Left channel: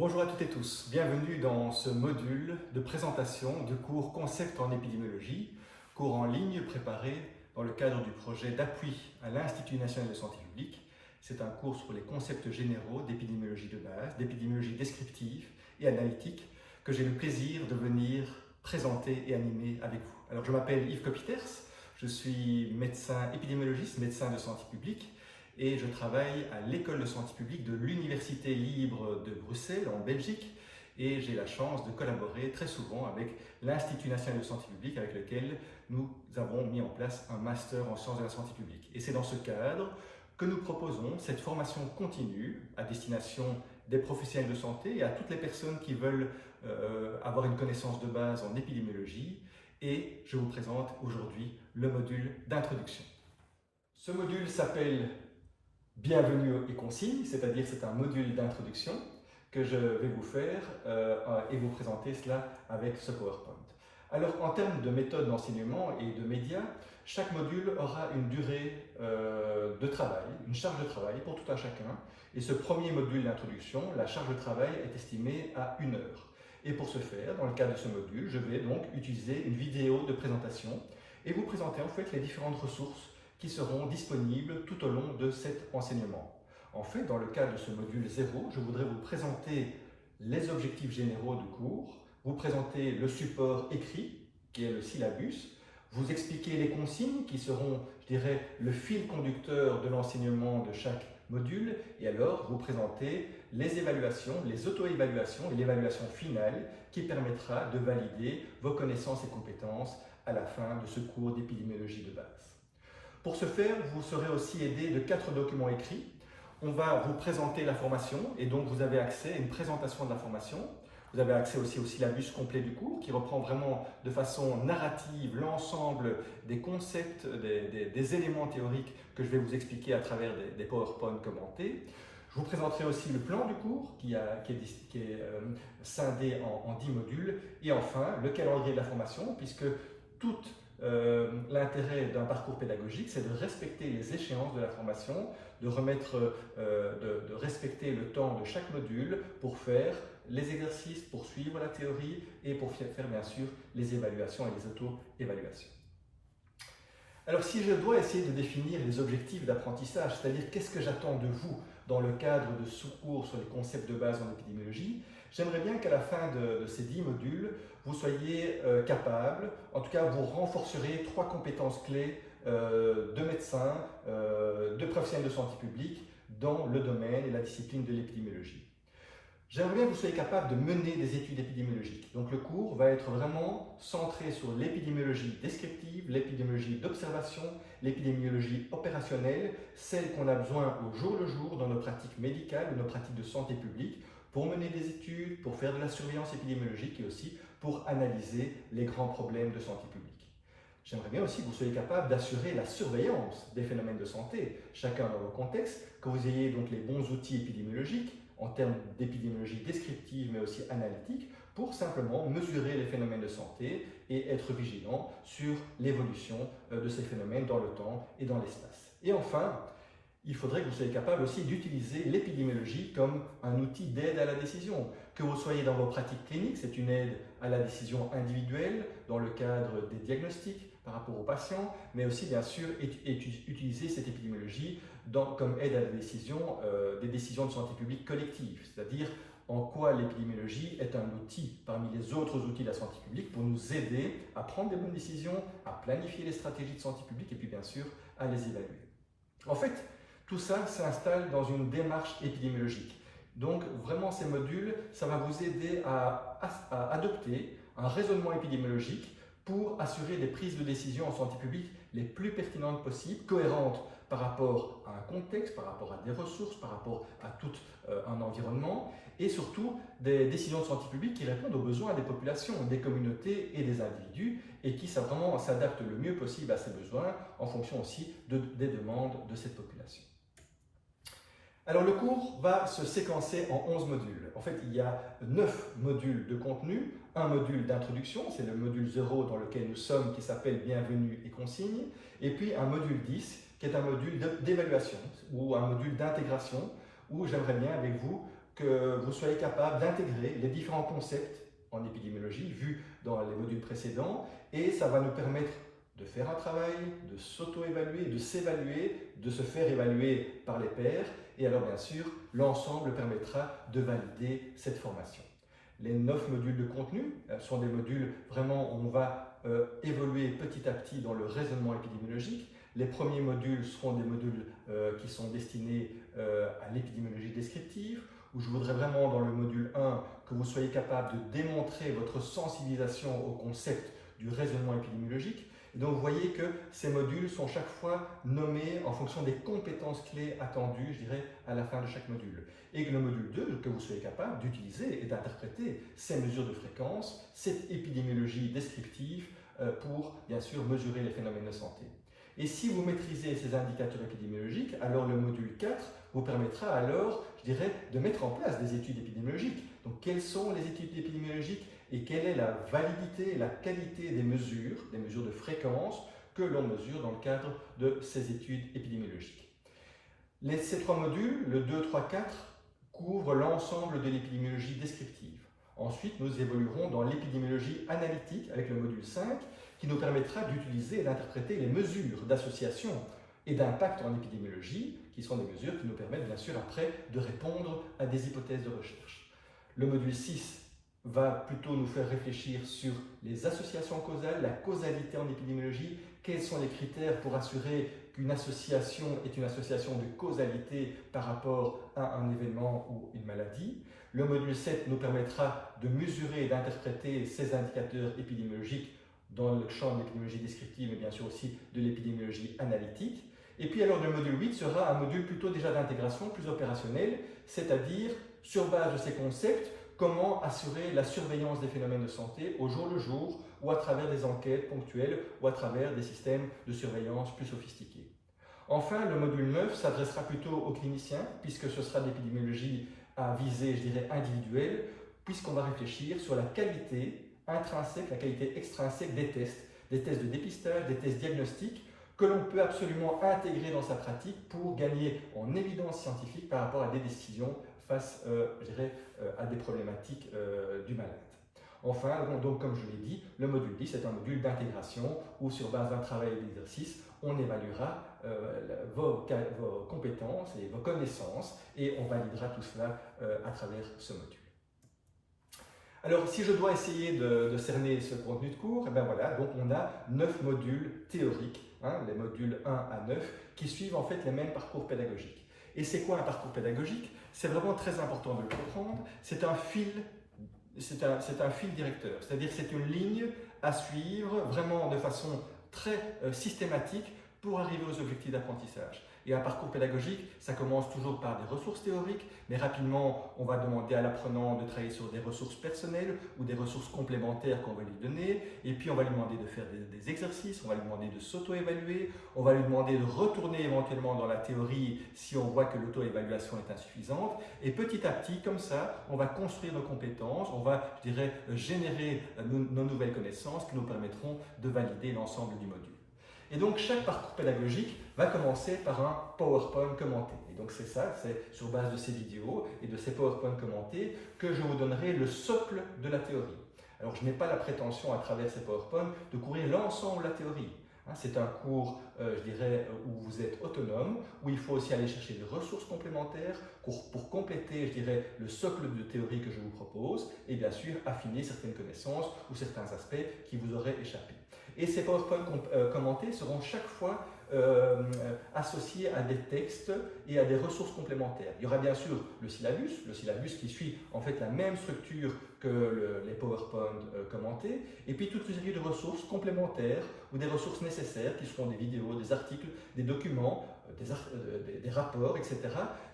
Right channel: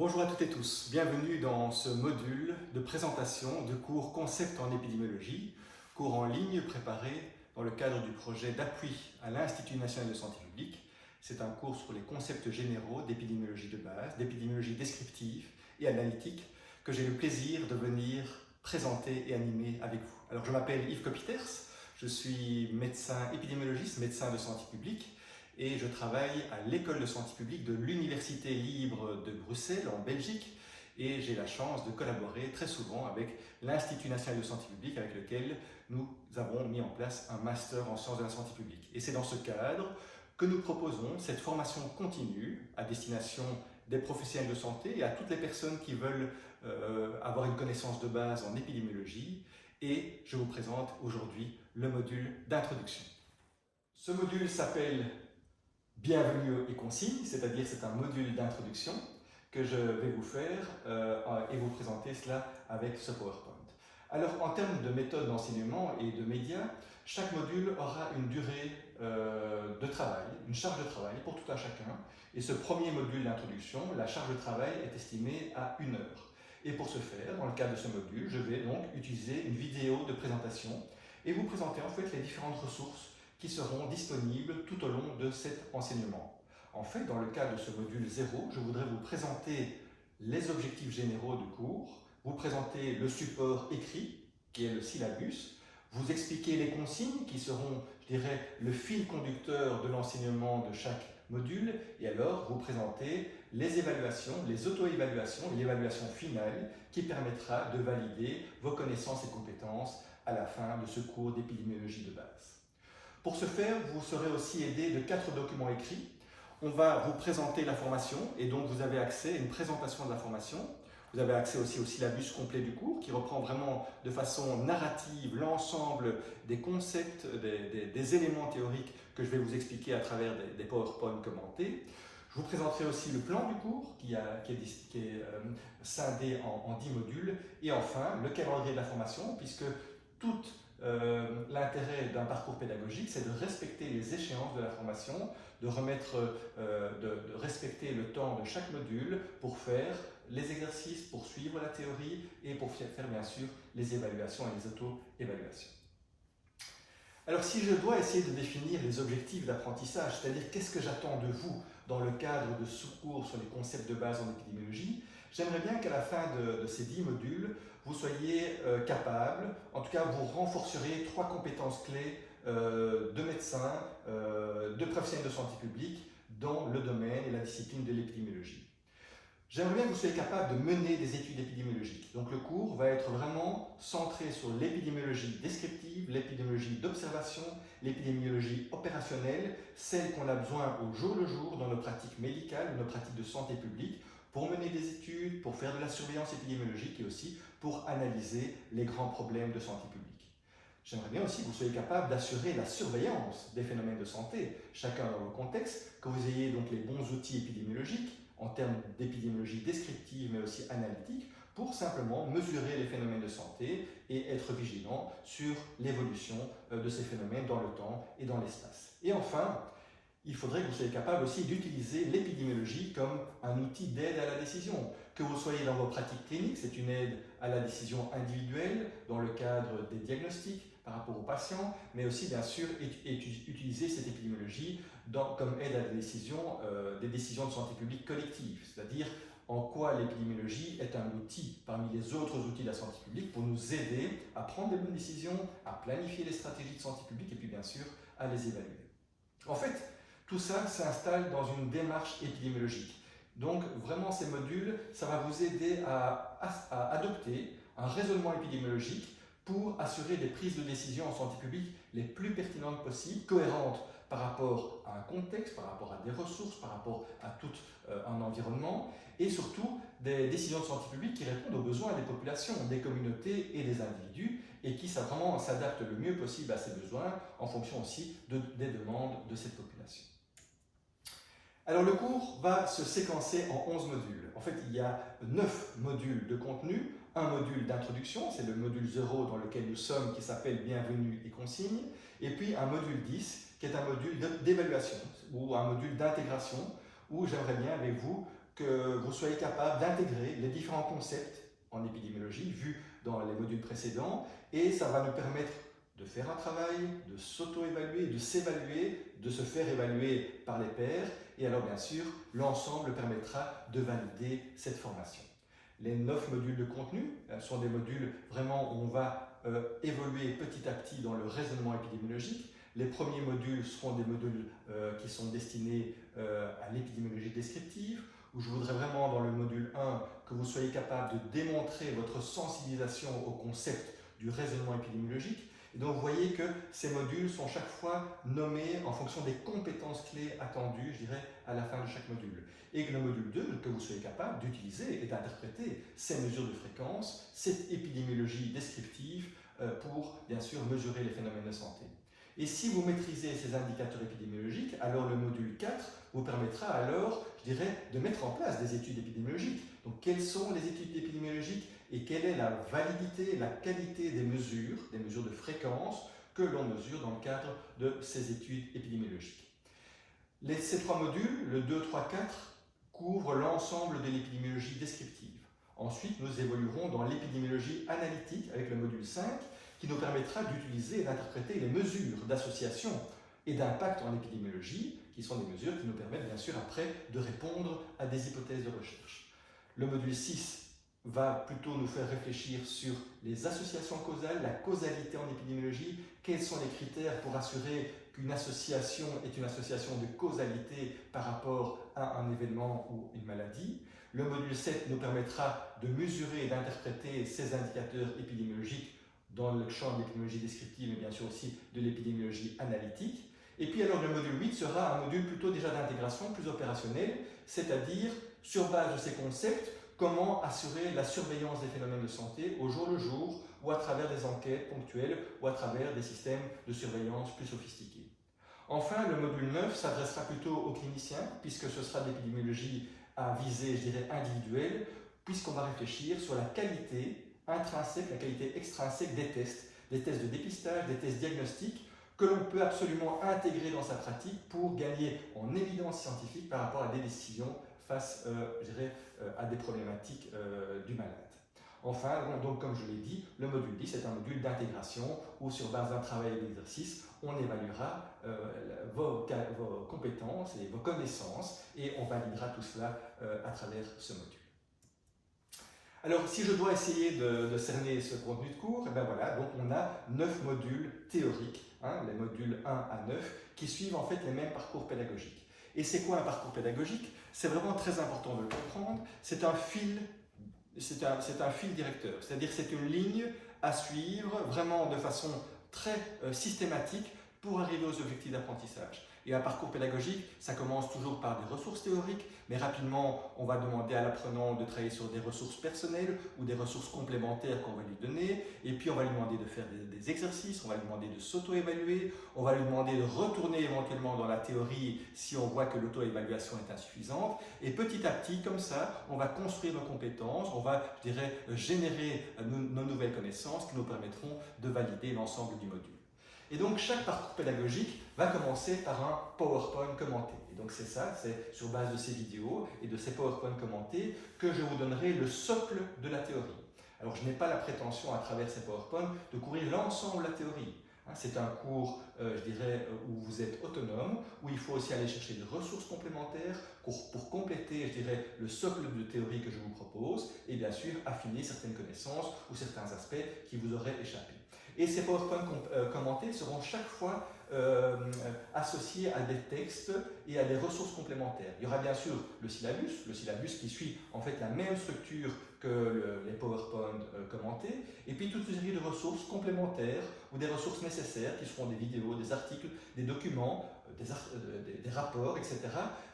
Bonjour à toutes et tous, bienvenue dans ce module de présentation du cours Concept en épidémiologie, cours en ligne préparé dans le cadre du projet d'appui à l'Institut national de santé publique. C'est un cours sur les concepts généraux d'épidémiologie de base, d'épidémiologie descriptive et analytique que j'ai le plaisir de venir présenter et animer avec vous. Alors je m'appelle Yves Copiters, je suis médecin épidémiologiste, médecin de santé publique, et je travaille à l'école de santé publique de l'Université libre de Bruxelles en Belgique, et j'ai la chance de collaborer très souvent avec l'Institut national de santé publique avec lequel nous avons mis en place un master en sciences de la santé publique. Et c'est dans ce cadre que nous proposons cette formation continue à destination des professionnels de santé et à toutes les personnes qui veulent avoir une connaissance de base en épidémiologie. Et je vous présente aujourd'hui le module d'introduction. Ce module s'appelle Bienvenue et consignes, c'est-à-dire c'est un module d'introduction que je vais vous faire et vous présenter cela avec ce PowerPoint. Alors en termes de méthode d'enseignement et de médias, chaque module aura une durée de travail, une charge de travail pour tout un chacun. Et ce premier module d'introduction, la charge de travail est estimée à 1 heure. Et pour ce faire, dans le cadre de ce module, je vais donc utiliser une vidéo de présentation et vous présenter en fait les différentes ressources qui seront disponibles tout au long de cet enseignement. En fait, dans le cadre de ce module 0, je voudrais vous présenter les objectifs généraux du cours, vous présenter le support écrit, qui est le syllabus, vous expliquer les consignes qui seront, je dirais, le fil conducteur de l'enseignement de chaque module, et alors vous présenter les évaluations, les auto-évaluations et l'évaluation finale qui permettra de valider vos connaissances et compétences à la fin de ce cours d'épidémiologie de base. Pour ce faire, vous serez aussi aidé de 4 documents écrits. On va vous présenter la formation et donc vous avez accès à une présentation de la formation. Vous avez accès aussi au syllabus complet du cours qui reprend vraiment de façon narrative l'ensemble des concepts, des éléments théoriques que je vais vous expliquer à travers des PowerPoint commentés. Je vous présenterai aussi le plan du cours qui est scindé en 10 modules et enfin le calendrier de la formation puisque toute l'intérêt d'un parcours pédagogique, c'est de respecter les échéances de la formation, de respecter le temps de chaque module pour faire les exercices, pour suivre la théorie et pour faire bien sûr les évaluations et les auto-évaluations. Alors si je dois essayer de définir les objectifs d'apprentissage, c'est-à-dire qu'est-ce que j'attends de vous dans le cadre de ce cours sur les concepts de base en épidémiologie, j'aimerais bien qu'à la fin de ces 10 modules, vous soyez capable, en tout cas vous renforcerez 3 compétences clés de médecins, de professionnels de santé publique dans le domaine et la discipline de l'épidémiologie. J'aimerais bien que vous soyez capable de mener des études épidémiologiques. Donc le cours va être vraiment centré sur l'épidémiologie descriptive, l'épidémiologie d'observation, l'épidémiologie opérationnelle, celle qu'on a besoin au jour le jour dans nos pratiques médicales ou nos pratiques de santé publique, pour mener des études, pour faire de la surveillance épidémiologique et aussi pour analyser les grands problèmes de santé publique. J'aimerais bien aussi que vous soyez capable d'assurer la surveillance des phénomènes de santé, chacun dans vos contextes, que vous ayez donc les bons outils épidémiologiques en termes d'épidémiologie descriptive mais aussi analytique pour simplement mesurer les phénomènes de santé et être vigilant sur l'évolution de ces phénomènes dans le temps et dans l'espace. Et enfin, il faudrait que vous soyez capable aussi d'utiliser l'épidémiologie comme un outil d'aide à la décision. Que vous soyez dans vos pratiques cliniques, c'est une aide à la décision individuelle dans le cadre des diagnostics par rapport aux patients, mais aussi bien sûr utiliser cette épidémiologie comme aide à la décision, des décisions de santé publique collective, c'est-à-dire en quoi l'épidémiologie est un outil parmi les autres outils de la santé publique pour nous aider à prendre des bonnes décisions, à planifier les stratégies de santé publique et puis bien sûr à les évaluer. En fait, tout ça s'installe dans une démarche épidémiologique. Donc vraiment ces modules, ça va vous aider à adopter un raisonnement épidémiologique pour assurer des prises de décision en santé publique les plus pertinentes possibles, cohérentes par rapport à un contexte, par rapport à des ressources, par rapport à tout un environnement et surtout des décisions de santé publique qui répondent aux besoins des populations, des communautés et des individus et qui vraiment s'adaptent le mieux possible à ces besoins en fonction aussi des demandes de cette population. Alors le cours va se séquencer en 11 modules. En fait, il y a 9 modules de contenu, un module d'introduction, c'est le module 0 dans lequel nous sommes, qui s'appelle Bienvenue et consignes, et puis un module 10, qui est un module d'évaluation, ou un module d'intégration, où j'aimerais bien avec vous que vous soyez capable d'intégrer les différents concepts en épidémiologie vus dans les modules précédents, et ça va nous permettre de faire un travail, de s'auto-évaluer, de s'évaluer, de se faire évaluer par les pairs, et alors bien sûr, l'ensemble permettra de valider cette formation. Les 9 modules de contenu sont des modules vraiment où on va évoluer petit à petit dans le raisonnement épidémiologique. Les premiers modules seront des modules qui sont destinés à l'épidémiologie descriptive, où je voudrais vraiment dans le module 1 que vous soyez capable de démontrer votre sensibilisation au concept du raisonnement épidémiologique. Et donc vous voyez que ces modules sont chaque fois nommés en fonction des compétences clés attendues, je dirais, à la fin de chaque module. Et que le module 2, que vous soyez capable d'utiliser et d'interpréter ces mesures de fréquence, cette épidémiologie descriptive pour, bien sûr, mesurer les phénomènes de santé. Et si vous maîtrisez ces indicateurs épidémiologiques, alors le module 4 vous permettra alors, je dirais, de mettre en place des études épidémiologiques. Donc quelles sont les études épidémiologiques et quelle est la validité, la qualité des mesures de fréquence que l'on mesure dans le cadre de ces études épidémiologiques. Ces 3 modules, le 2, 3, 4, couvrent l'ensemble de l'épidémiologie descriptive. Ensuite, nous évoluerons dans l'épidémiologie analytique avec le module 5, qui nous permettra d'utiliser et d'interpréter les mesures d'association et d'impact en épidémiologie, qui sont des mesures qui nous permettent bien sûr après de répondre à des hypothèses de recherche. Le module 6 va plutôt nous faire réfléchir sur les associations causales, la causalité en épidémiologie, quels sont les critères pour assurer qu'une association est une association de causalité par rapport à un événement ou une maladie. Le module 7 nous permettra de mesurer et d'interpréter ces indicateurs épidémiologiques dans le champ de l'épidémiologie descriptive, mais bien sûr aussi de l'épidémiologie analytique. Et puis alors le module 8 sera un module plutôt déjà d'intégration, plus opérationnel, c'est-à-dire sur base de ces concepts, comment assurer la surveillance des phénomènes de santé au jour le jour ou à travers des enquêtes ponctuelles ou à travers des systèmes de surveillance plus sophistiqués. Enfin, le module 9 s'adressera plutôt aux cliniciens, puisque ce sera de l'épidémiologie à visée, je dirais, individuelle, puisqu'on va réfléchir sur la qualité intrinsèque, la qualité extrinsèque des tests de dépistage, des tests diagnostiques, que l'on peut absolument intégrer dans sa pratique pour gagner en évidence scientifique par rapport à des décisions face, je dirais, à des problématiques du malade. Enfin, donc, comme je l'ai dit, le module 10 est un module d'intégration où, sur base d'un travail et d'exercice, on évaluera vos compétences et vos connaissances et on validera tout cela à travers ce module. Alors, si je dois essayer de cerner ce contenu de cours, et bien voilà, donc on a 9 modules théoriques, les modules 1 à 9, qui suivent en fait les mêmes parcours pédagogiques. Et c'est quoi un parcours pédagogique? C'est vraiment très important de le comprendre. C'est un fil directeur, c'est-à-dire c'est une ligne à suivre vraiment de façon très systématique pour arriver aux objectifs d'apprentissage. Et un parcours pédagogique, ça commence toujours par des ressources théoriques, mais rapidement, on va demander à l'apprenant de travailler sur des ressources personnelles ou des ressources complémentaires qu'on va lui donner. Et puis, on va lui demander de faire des exercices, on va lui demander de s'auto-évaluer, on va lui demander de retourner éventuellement dans la théorie si on voit que l'auto-évaluation est insuffisante. Et petit à petit, comme ça, on va construire nos compétences, on va, je dirais, générer nos nouvelles connaissances qui nous permettront de valider l'ensemble du module. Et donc, chaque parcours pédagogique va commencer par un PowerPoint commenté. Et donc, c'est ça, c'est sur base de ces vidéos et de ces PowerPoint commentés que je vous donnerai le socle de la théorie. Alors, je n'ai pas la prétention, à travers ces PowerPoint, de couvrir l'ensemble de la théorie. C'est un cours, je dirais, où vous êtes autonome, où il faut aussi aller chercher des ressources complémentaires pour compléter, je dirais, le socle de théorie que je vous propose et bien sûr affiner certaines connaissances ou certains aspects qui vous auraient échappé. Et ces PowerPoint commentés seront chaque fois associés à des textes et à des ressources complémentaires. Il y aura bien sûr le syllabus qui suit en fait la même structure que les PowerPoint commentés, et puis toute une série de ressources complémentaires ou des ressources nécessaires qui seront des vidéos, des articles, des documents, des rapports, etc.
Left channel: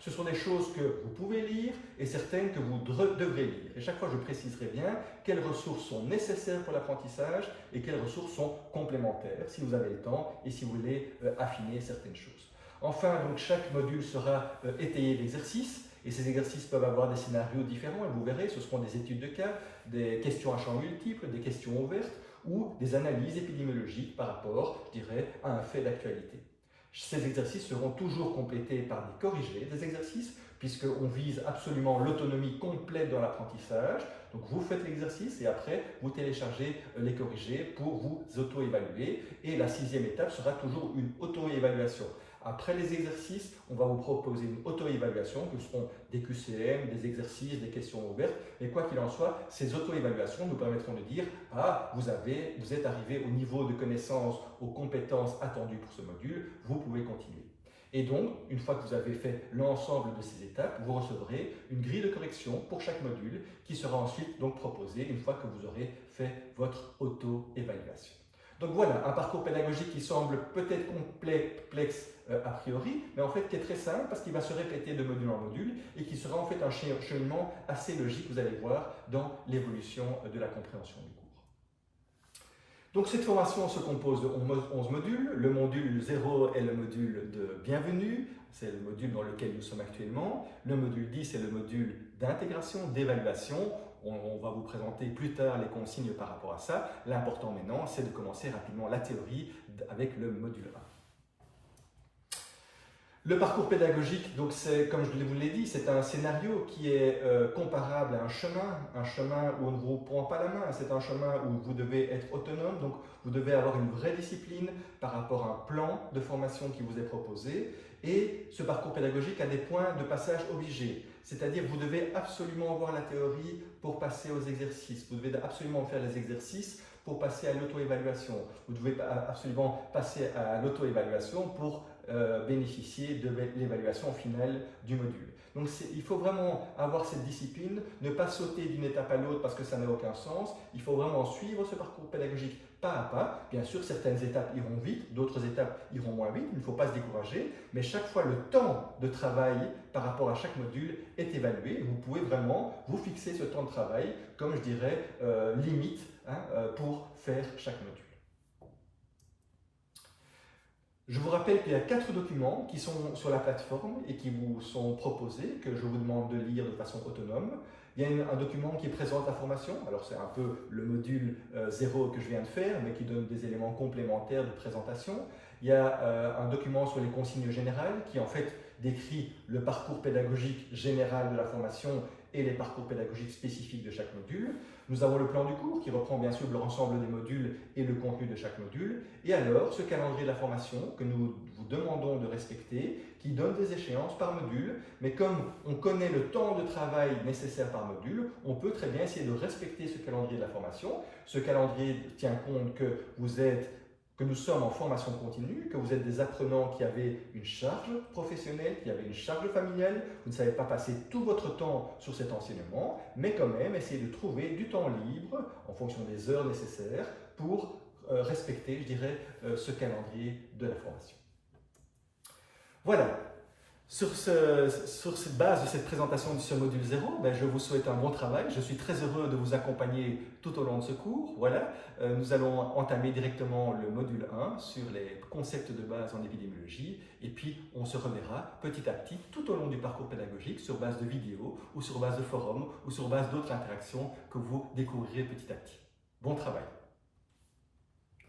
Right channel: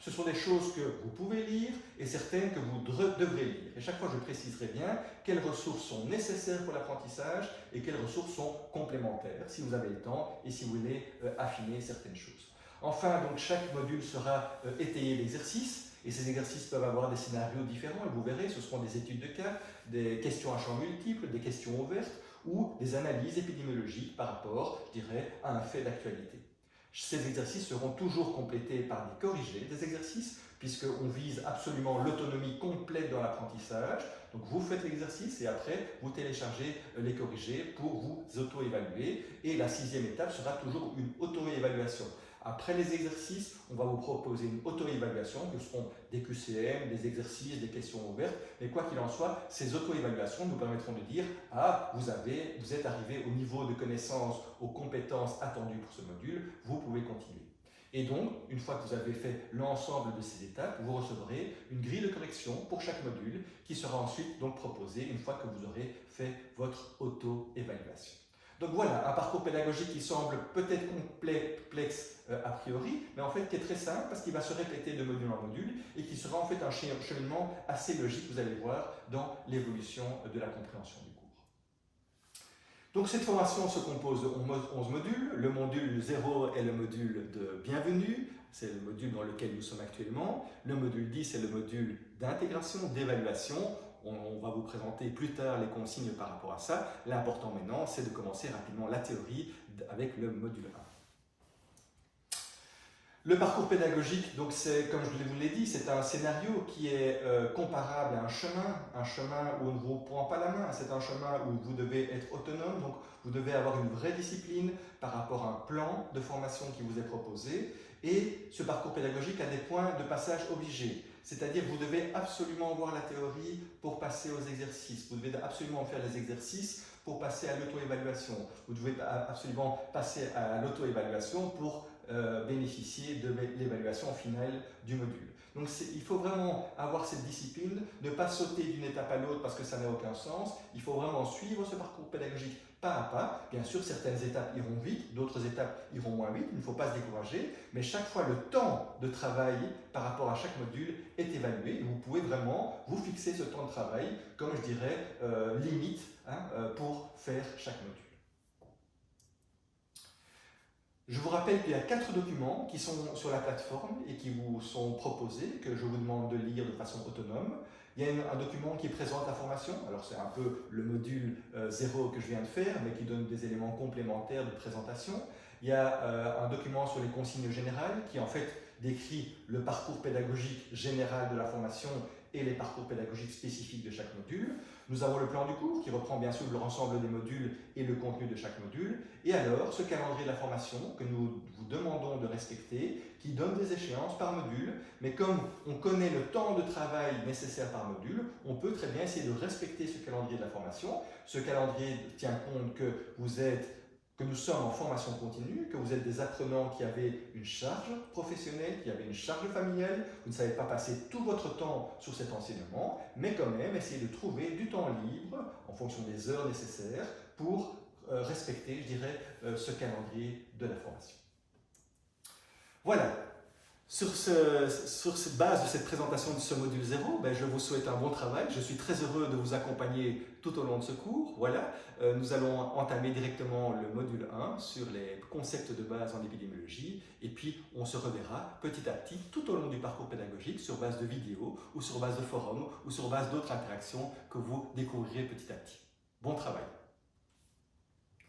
Ce sont des choses que vous pouvez lire et certaines que vous devrez lire. Et chaque fois, je préciserai bien quelles ressources sont nécessaires pour l'apprentissage et quelles ressources sont complémentaires, si vous avez le temps et si vous voulez affiner certaines choses. Enfin, donc, chaque module sera étayé d'exercices. Et ces exercices peuvent avoir des scénarios différents, et vous verrez, ce seront des études de cas, des questions à champ multiples, des questions ouvertes ou des analyses épidémiologiques par rapport, je dirais, à un fait d'actualité. Ces exercices seront toujours complétés par des corrigés des exercices, puisqu'on vise absolument l'autonomie complète dans l'apprentissage. Donc vous faites l'exercice et après vous téléchargez les corrigés pour vous auto-évaluer. Et la 6e étape sera toujours une auto-évaluation. Après les exercices, on va vous proposer une auto-évaluation, que seront des QCM, des exercices, des questions ouvertes. Et quoi qu'il en soit, ces auto-évaluations nous permettront de dire « Ah, vous êtes arrivé au niveau de connaissance, aux compétences attendues pour ce module, vous pouvez continuer ». Et donc, une fois que vous avez fait l'ensemble de ces étapes, vous recevrez une grille de correction pour chaque module qui sera ensuite donc proposée une fois que vous aurez fait votre auto-évaluation. Donc voilà, un parcours pédagogique qui semble peut-être complexe a priori, mais en fait qui est très simple parce qu'il va se répéter de module en module et qui sera en fait un cheminement assez logique, vous allez voir, dans l'évolution de la compréhension du cours. Donc cette formation se compose de 11 modules. Le module 0 est le module de bienvenue, c'est le module dans lequel nous sommes actuellement. Le module 10 est le module d'intégration, d'évaluation. On va vous présenter plus tard les consignes par rapport à ça. L'important maintenant, c'est de commencer rapidement la théorie avec le module 1. Le parcours pédagogique, donc c'est, comme je vous l'ai dit, c'est un scénario qui est comparable à un chemin où on ne vous prend pas la main, c'est un chemin où vous devez être autonome, donc vous devez avoir une vraie discipline par rapport à un plan de formation qui vous est proposé. Et ce parcours pédagogique a des points de passage obligés, c'est-à-dire vous devez absolument voir la théorie pour passer aux exercices, vous devez absolument faire les exercices pour passer à l'auto-évaluation, vous devez absolument passer à l'auto-évaluation pour bénéficier de l'évaluation finale du module. Donc il faut vraiment avoir cette discipline, ne pas sauter d'une étape à l'autre parce que ça n'a aucun sens. Il faut vraiment suivre ce parcours pédagogique pas à pas. Bien sûr, certaines étapes iront vite, d'autres étapes iront moins vite, il ne faut pas se décourager, mais chaque fois le temps de travail par rapport à chaque module est évalué. Vous pouvez vraiment vous fixer ce temps de travail comme je dirais limite pour faire chaque module. Je vous rappelle qu'il y a 4 documents qui sont sur la plateforme et qui vous sont proposés, que je vous demande de lire de façon autonome. Il y a un document qui présente la formation, alors c'est un peu le module 0 que je viens de faire, mais qui donne des éléments complémentaires de présentation. Il y a un document sur les consignes générales qui en fait décrit le parcours pédagogique général de la formation et les parcours pédagogiques spécifiques de chaque module. Nous avons le plan du cours qui reprend bien sûr l'ensemble des modules et le contenu de chaque module. Et alors, ce calendrier de la formation que nous vous demandons de respecter, qui donne des échéances par module, mais comme on connaît le temps de travail nécessaire par module, on peut très bien essayer de respecter ce calendrier de la formation. Ce calendrier tient compte que nous sommes en formation continue, que vous êtes des apprenants qui avaient une charge professionnelle, qui avaient une charge familiale, vous ne savez pas passer tout votre temps sur cet enseignement, mais quand même essayez de trouver du temps libre en fonction des heures nécessaires pour respecter, je dirais, ce calendrier de la formation. Voilà. Sur cette base de cette présentation de ce module 0, je vous souhaite un bon travail. Je suis très heureux de vous accompagner tout au long de ce cours. Voilà, nous allons entamer directement le module 1 sur les concepts de base en épidémiologie et puis on se reverra petit à petit tout au long du parcours pédagogique sur base de vidéos ou sur base de forums ou sur base d'autres interactions que vous découvrirez petit à petit. Bon travail!